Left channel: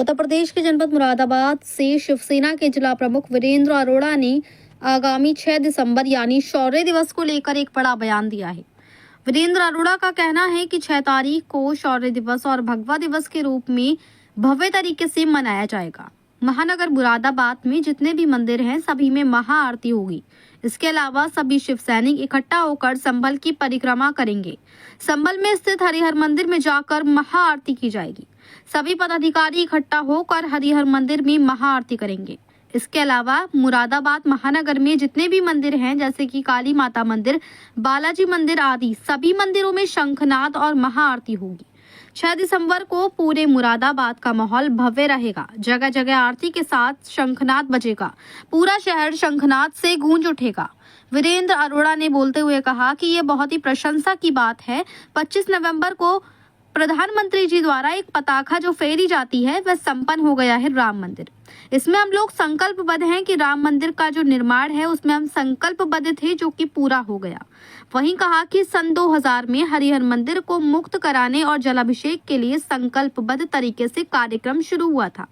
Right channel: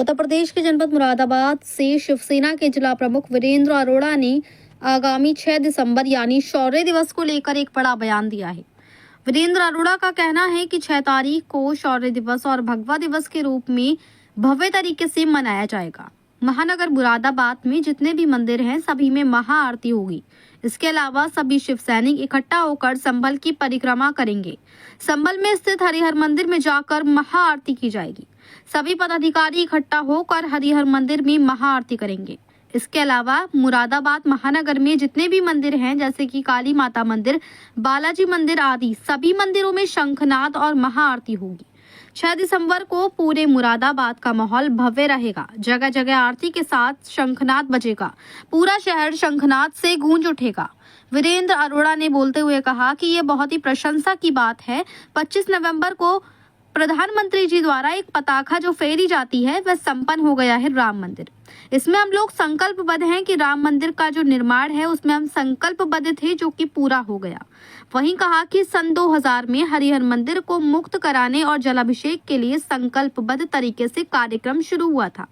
उत्तर प्रदेश के जनपद मुरादाबाद से शिवसेना के जिला प्रमुख वीरेंद्र अरोड़ा ने आगामी 6 दिसंबर यानी शौर्य दिवस को लेकर एक बड़ा बयान दिया है। वीरेंद्र अरोड़ा का कहना है कि 6 तारीख को शौर्य दिवस और भगवा दिवस के रूप में भव्य तरीके से मनाया जाएगा। महानगर मुरादाबाद में जितने भी मंदिर हैं सभी में महाआरती होगी। इसके अलावा सभी शिव सैनिक इकट्ठा होकर संभल की परिक्रमा करेंगे। संभल में स्थित हरिहर मंदिर में जाकर महाआरती की जाएगी। सभी पदाधिकारी इकट्ठा होकर हरिहर मंदिर में महाआरती करेंगे। इसके अलावा मुरादाबाद महानगर में जितने भी मंदिर हैं जैसे कि काली माता मंदिर, बालाजी मंदिर आदि सभी मंदिरों में शंखनाद और महाआरती होगी। 6 दिसंबर को पूरे मुरादाबाद का माहौल भव्य रहेगा। जगह जगह आरती के साथ शंखनाद बजेगा। पूरा शहर शंखनाद से गूंज उठेगा। वीरेंद्र अरोड़ा ने बोलते हुए कहा कि ये बहुत ही प्रशंसा की बात है। 25 नवंबर को प्रधानमंत्री जी द्वारा एक पताका जो फेरी जाती है वह संपन्न हो गया है राम मंदिर। इसमें हम लोग संकल्पबद्ध हैं कि राम मंदिर का जो निर्माण है उसमें हम संकल्पबद्ध थे जो कि पूरा हो गया। वहीं कहा कि सन 2000 में हरिहर मंदिर को मुक्त कराने और जलाभिषेक के लिए संकल्पबद्ध तरीके से कार्यक्रम शुरू हुआ था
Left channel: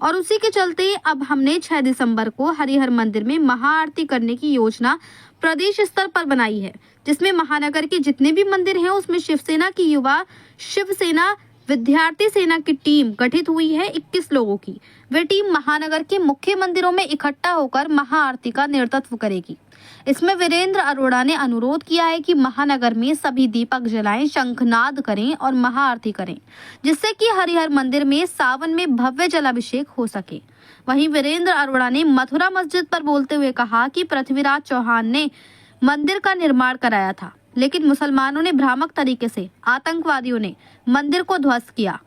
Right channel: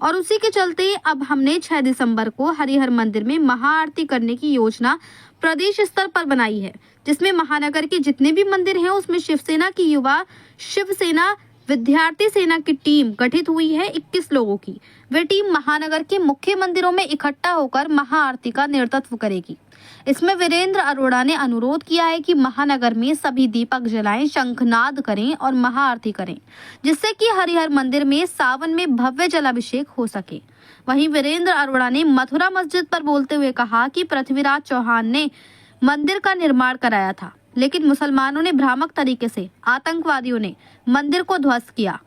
और उसी के चलते अब हमने 6 दिसंबर को हरिहर मंदिर में महाआरती करने की योजना प्रदेश स्तर पर बनाई है, जिसमें महानगर के जितने भी मंदिर हैं उसमें शिवसेना की युवा शिवसेना विद्यार्थी सेना की टीम गठित हुई है। 21 लोगों की वे टीम महानगर के मुख्य मंदिरों में इकट्ठा होकर महाआरती का नेतृत्व करेगी। इसमें वीरेंद्र अरोड़ा ने अनुरोध किया है कि महानगर में सभी दीपक जलाएं, शंखनाद करें और महाआरती करें, जिससे कि हरिहर मंदिर में सावन में भव्य जलाभिषेक हो सके। वहीं वीरेंद्र अरोड़ा ने मथुरा मस्जिद पर बोलते हुए कहा कि पृथ्वीराज चौहान ने मंदिर का निर्माण कराया था, लेकिन मुसलमानों ने भ्रामक तरीके से आतंकवादियों ने मंदिर को ध्वस्त किया।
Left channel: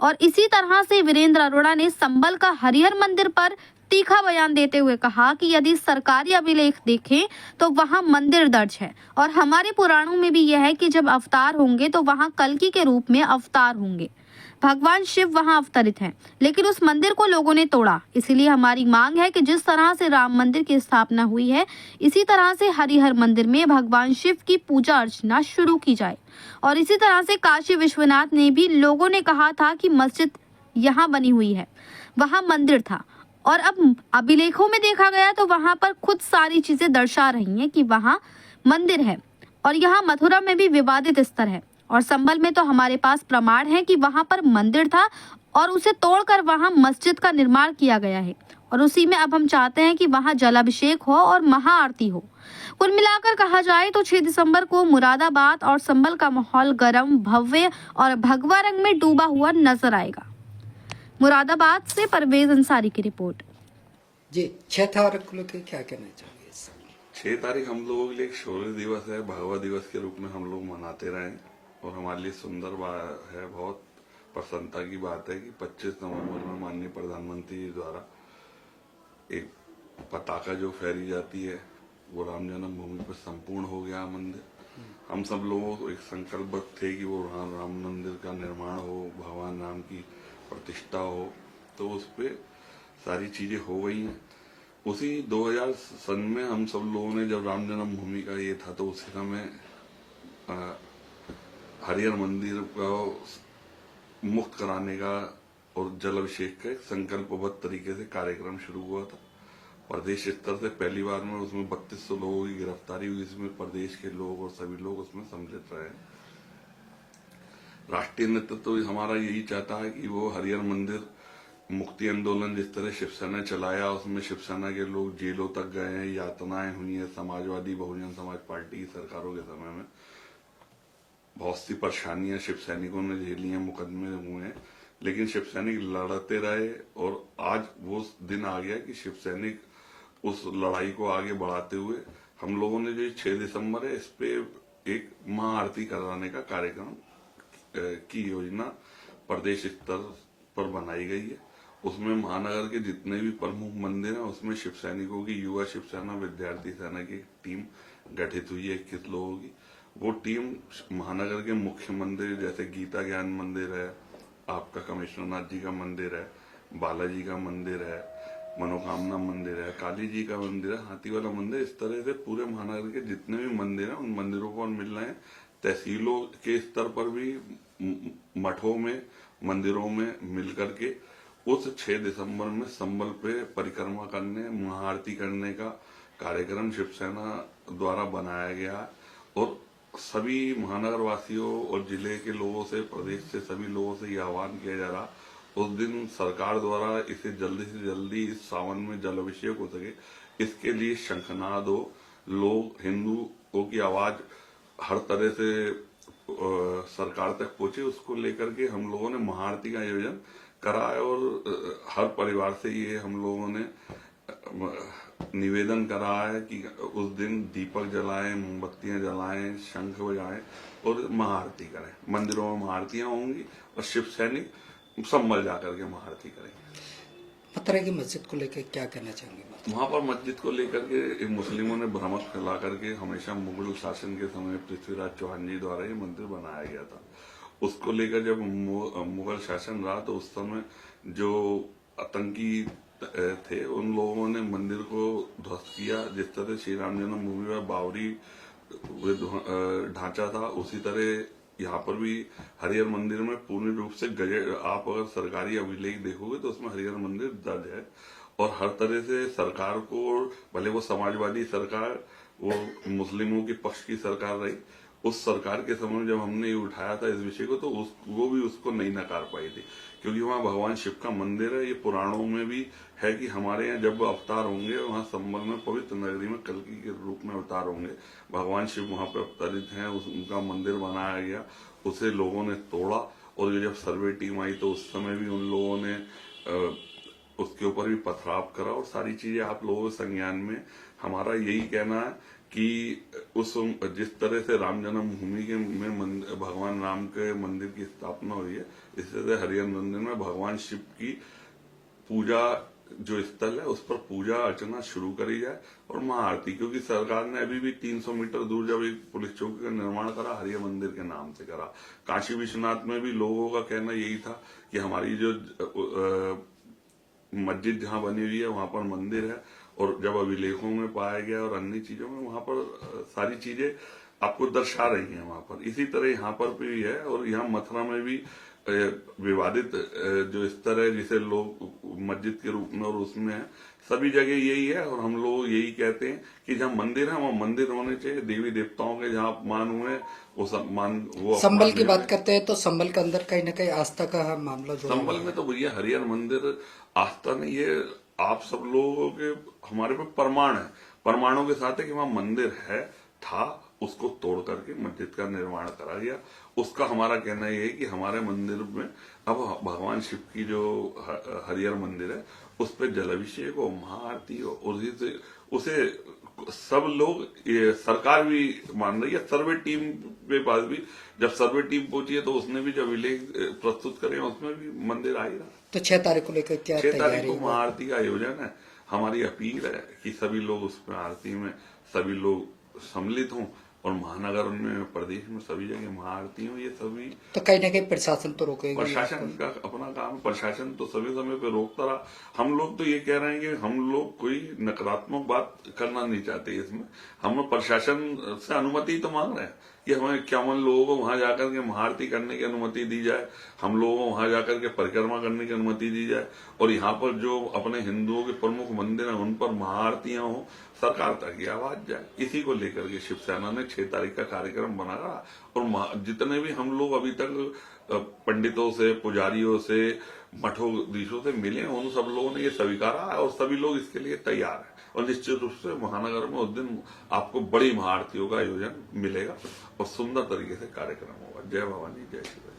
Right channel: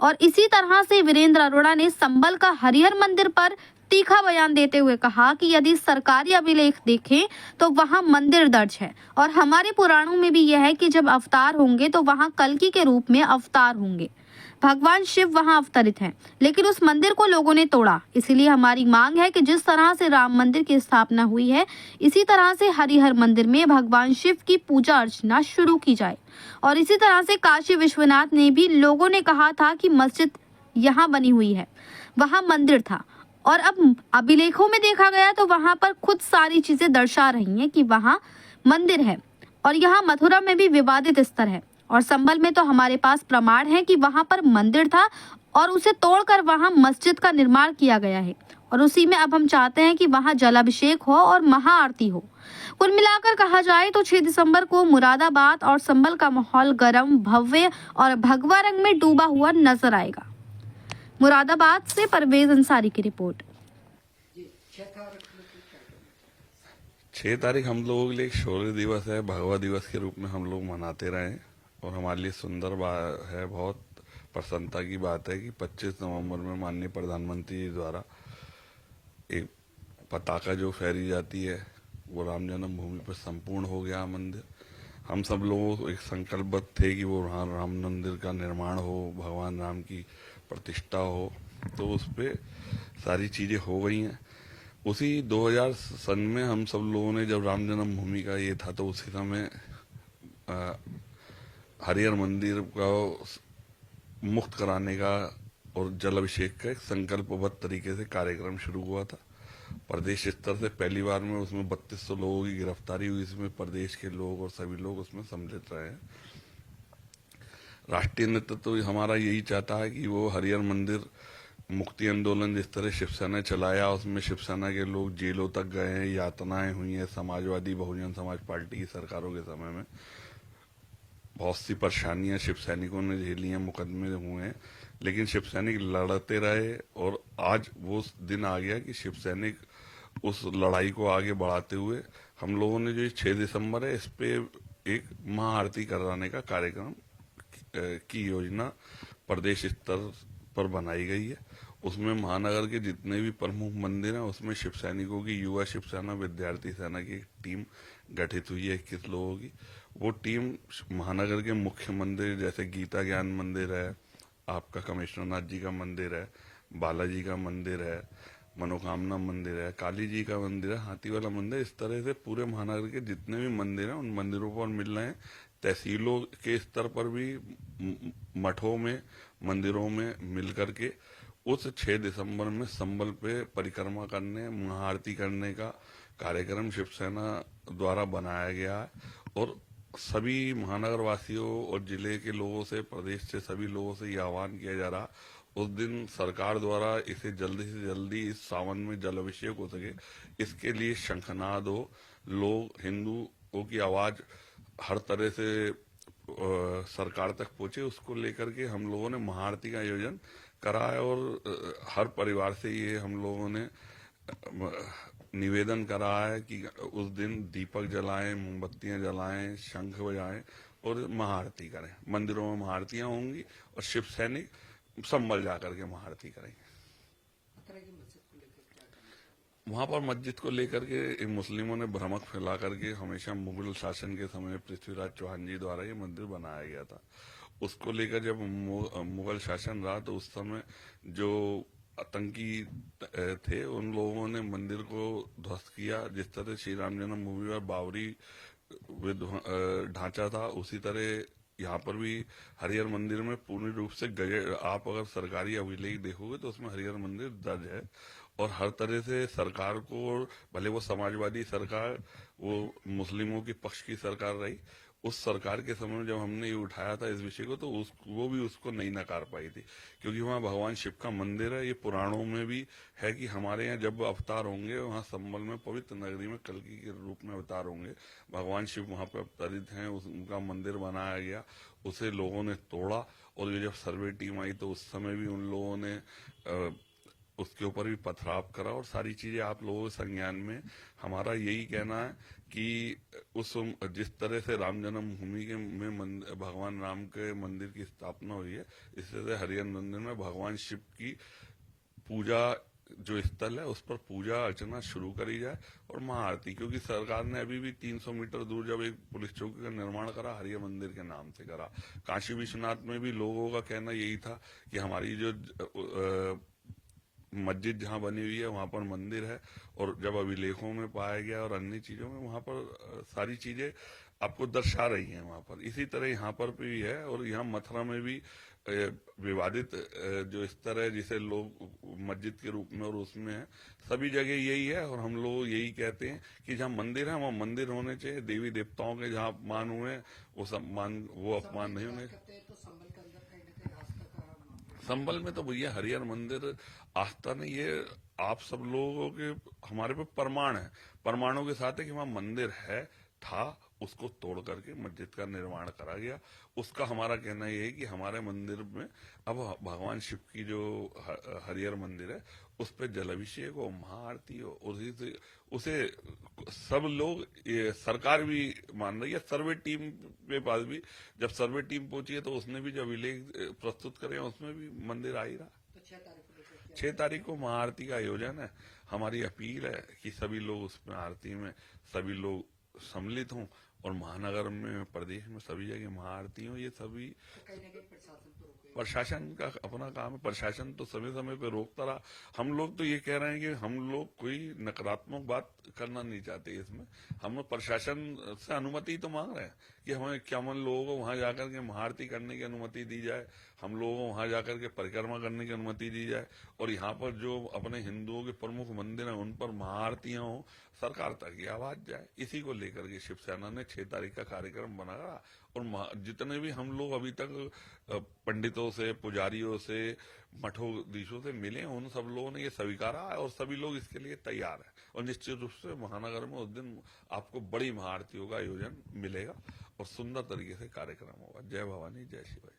और इसी तरह से वीरेंद्र अरोड़ा ने संभल का हरिहर मंदिर पर तीखा बयान देते हुए कहा कि यदि सरकारी अभिलेख देखें तो वहां मंदिर दर्ज है और हमारे पुराणों में भी यह है कि जब अवतार होंगे तो वहां कल्कि के रूप में अवतार होंगे। भगवान शिव वहां अवतरित हैं, लेकिन उस मंदिर को लोगों ने तोड़ा। इसीलिए हमारी मांग है कि जिस तरह से राम मंदिर की स्थापना हुई है इसी तरह से हरिहर मंदिर में भगवान शिव की पूजा अर्चना शुरू की जाए। और इसी तरह से काशी विश्वनाथ ने भी लोगों ने कहा था कि मस्जिद यहाँ बनी हुई है, वहाँ मंदिर था और अब अभिलेखों में देखा गया तो वहां पर खुद सारी चीजें दर्शा रही हैं कि वहां मंदिर है। और यहाँ मथुरा में भी विवादित स्थल है और संभल में तो हमारे पास प्रमाण है कि वहां पर मंदिर था और उसे तोड़कर वहां मस्जिद का निर्माण किया गया है और उसी में अब हम चाहते हैं कि वहां जलाभिषेक हो और महाआरती हो। कुल मिलाकर कहा जाए तो 6 दिसंबर को मुरादाबाद और संभल का माहौल गर्म, भव्य और भगवा रंग में डूबा हुआ नजर आएगा। मुरादाबाद से परवेज अंसारी की रिपोर्ट। जी 6 तारीख को लेकर क्या कहना चाहोगे? 6 तारीख हम लोगों के लिए एक शौर्य दिवस है, भगवा दिवस के रूप में हम लोग मनाते रहे और हमारे लिए सुंदर है, बहुत प्रसन्नता की बात है कि 25 नवंबर में माननीय प्रधानमंत्री जी द्वारा एक पताका जो फहरी जाती है वो राम जन्मभूमि पर संपूर्ण हो गया मंदिर। हम सब लोग एक संकल्पबद्ध थे कि वो राम मंदिर का निर्माण हो, भगवान राम की प्रतिष्ठा हो, तो उस पर सारी चीजें हो गई हैं। उसी 2000 सन में हम सब लोगों ने जब राम जन्मभूमि का ये था तो उसी समय हरिहर मंदिर का मुक्त कराने का और जलाभिषेक का एक संकल्पबद्ध तरीके से कार्यक्रम शुरू हुआ था। प्रदेश स्तर से पहली बार में उसमें 3200 लोगों की गिरफ्तारी हुई, इसमें प्रदेश के लोग और सभी लोग उसमें सम्मिलित रहे। राष्ट्रीय नेतृत्व तो हमारा यही चाहता है कि वो हरिहर मंदिर मुक्ति आंदोलन जिस तरह शिवसेना चलाया उसमें शिवसेना के लोग जेलों तक गए हैं, यातनाएं हुई हैं। समाजवादी बहुजन समाज पार्टी की सरकारों के समय में बहुत सी परेशानियां शिव सैनिकों ने झेली हैं, मुकदमे हुए हैं, लेकिन शिव सैनिक लड़ते रहे और आज वो दिन आ गया कि शिव सैनिक उस लड़ाई को आगे बढ़ाते हुए हम लोगों ने जो 6 दिसंबर है इस पे एक महाआरती कराने का कार्यक्रम की योजना प्रदेश स्तर पर बनाई गई है। उसमें महानगर के जितने भी प्रमुख मंदिर हैं उसमें शिव सैनिकों की युवा शिव सेना विद्यार्थी सेना की टीम गठित हुई है 21 लोगों की। वो टीम महानगर के मुख्य मंदिर जैसे गीता ज्ञान मंदिर है, आपका कमिश्नरनाथ जी का मंदिर है, बालाजी का मंदिर है, मनोकामना मंदिर है, काली जी का मंदिर है, हाथी वाला मंदिर, इस तरह से पूरे महानगर के जितने भी मंदिर हैं उन मंदिरों पर मिल रहे हैं। तहसीलों के स्तर पर भी मठों में मंदिरों में मिल करके उस 6 दिसंबर में संबल पे परिक्रमा करने, महाआरती करने का कार्यक्रम शिवसेना द्वारा बनाया गया है और सभी महानगर वासियों और जिले के लोगों से, प्रदेश से सभी लोगों से यह आह्वान किया जा रहा उस दिन सरकार द्वारा इसे जल्दी से जल्दी इस सावन में जल अभिषेक हो सके, इसके लिए शंखनाद हो, लोग हिंदुओं की आवाज हर तरह से सरकार तक पहुंचे, उसको लेकर के हम लोगों ने महाआरती का आयोजन करा है और हर परिवार से ये हम लोगों ने निवेदन करा है कि उस दिन दीपक जलाएं, मोमबत्तियां जलाएं, शंख बजाएं और महाआरती करें। मंदिरों में महाआरतियां होंगी और शिव सैनिक संभल जाकर के महाआरती करेंगे। पत्थर की मस्जिद को लेकर क्या कहना चाहेंगे? वहां पर मस्जिद को लेकर के मुस्लिमों ने भ्रमक फैला करके हमेशा मुगल शासन के समय पृथ्वीराज चौहान जी द्वारा ये मंदिर बनाया गया था। उसको लेकर जब मुगल शासन रहा तो उस समय जो आतंकी थे उन लोगों ने मंदिर को ध्वस्त किया। जिस तरह श्री राम जन्मभूमि में बावरी ढांचा था, उसी तरह यहाँ पर भी हरिहर मंदिर में पूर्ण रूप से आप अगर सरकारी अभिलेख देखोगे तो उसमें हरिहर मंदिर दर्ज है और हर तरह से सरकार को, भले वो समाजवादी सरकार, वो मुस्लिमों के पक्ष की सरकार रही, उस सरकार के समय में जब हमने ये उठाया था इस विषय को तो वो भी उसको नहीं नकार पाई थी, क्योंकि वहाँ भगवान शिव का मंदिर है। ये पुराणों में भी है कि हमारे यहाँ जब अवतार होंगे, वहाँ संबल में पवित्र नगरी में कल्कि के रूप में अवतार होंगे, भगवान शिव वहाँ पर अवतरित हैं, उनका मंदिर बनाया गया, उसे लोगों ने तोड़ा और ये जब सर्वे टीम आई तो उस समय भी उन लोगों ने उसके ऊपर भी पथराव करा और सारी चीजें आप लोगों के संज्ञान में। हमारा यही कहना है कि उस जिस तरह से राम जन्मभूमि के में भगवान राम के मंदिर की स्थापना हुई है, इस तरह से हरिहर मंदिर में भगवान शिव की पूजा जो स्थल है उस पर पूजा अर्चना शुरू करी जाए और महाआरती, क्योंकि सरकार ने अभी भी 300 मीटर दूर जब एक पुलिस चौकी का निर्माण करा, हरिहर मंदिर के नाम से करा। काशी विश्वनाथ में भी लोगों का कहना यही था कि हमारी जो मस्जिद जहाँ बनी हुई है वहां पर मंदिर है, और जब अभिलेखों में पाया गया और अन्य चीजों में वहां पर सारी चीजें आपको दर्शा रही हैं वहां पर। इसी तरह यहाँ पर भी है और यहाँ मथुरा में भी विवादित जो स्तर है जिसे लोग मस्जिद के रूप में और उसमें है, सभी जगह यही है और हम लोग यही कहते हैं कि जहाँ मंदिर है वहाँ मंदिर होने चाहिए। देवी देवताओं के जहाँ अपमान हुए वो सम्मान, वो संबल की बात करते हैं तो संबल के अंदर कहीं ना कहीं आस्था का मामला जो संबल में तो भैया हरिहर मंदिर आस्था नहीं, ये आप सब लोगों के हमारे पे प्रमाण है, प्रमाणों के साथ है कि वहाँ मंदिर है, था, उसको तोड़ करके मस्जिद का निर्माण करा गया। उसका हमारा कहना यह है कि हमारे मंदिर में अब भगवान शिव की जो हरिहर मंदिर है उस पर जलाभिषेक हो, महाआरती हो, उसे सब लोग, ये सरकार भी मान रही है। सर्वे टीम के पास भी जब सर्वे टीम पहुंची है तो उसने भी जब विलेज प्रस्तुत करे उसमें भी मंदिर आ ही रहा। तो 6 तारीख को लेकर क्या 6 तारीख को महाआरती का आयोजन है। हमारी अपील है कि सभी लोग उसमें आरती में सभी लोग सम्मिलित हों और महानगर में, प्रदेश में सभी जगह महाआरती हो। ये सभी तो कहीं ना कहीं प्रशासन तो रोकेगा, प्रशासन का अपना काम है, प्रशासन तो सभी समय पे रोकता रहा। हम लोग तो ये कह रहे हैं कि हम लोग कोई नकारात्मक बात करना नहीं चाहते इसमें, हम प्रशासन से अनुमति तो मांग रहे हैं कि हमें 51 लोगों को वहां जाकर के महाआरती करने की अनुमति दी जाए, हम लोगों को वहां जाकर के परिक्रमा करने की अनुमति दी जाए और यहाँ पर जो अपने हिंदुओं के प्रमुख मंदिर हैं उन पर महाआरतियां हो, सरकार तक ये आवाज जाए। इसी को लेकर के शिवसेना ने 6 तारीख का कार्यक्रम बनाया और जितने भी हम लोग अभी तक पंडितों से, पुजारियों से, मठोधीशों से मिले हैं, उन सब लोगों ने ये स्वीकारा है और सभी लोग इसके लिए तैयार हैं और निश्चित रूप से महानगर में उस दिन आपको बड़ी महाआरतियों का आयोजन मिलेगा और सुंदर तरीके से कार्यक्रम होगा। जय भवानी, जय शिव।